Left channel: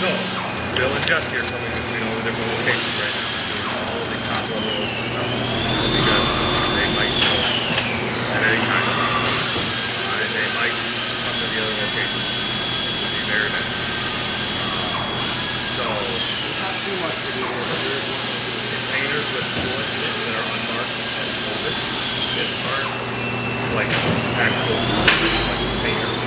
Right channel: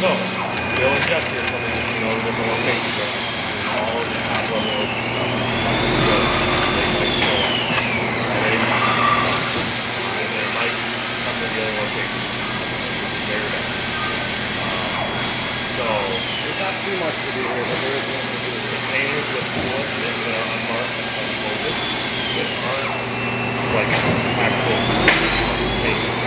So, they'll adjust here coming between all the different locations right now. All of the top level open stuff. Because they might show at any time. And they might come to the other location. It'll be very bad. So, There's not too much to do here, but there is one to do. containers with wood that are unmarked and folded that aren't like actual containers.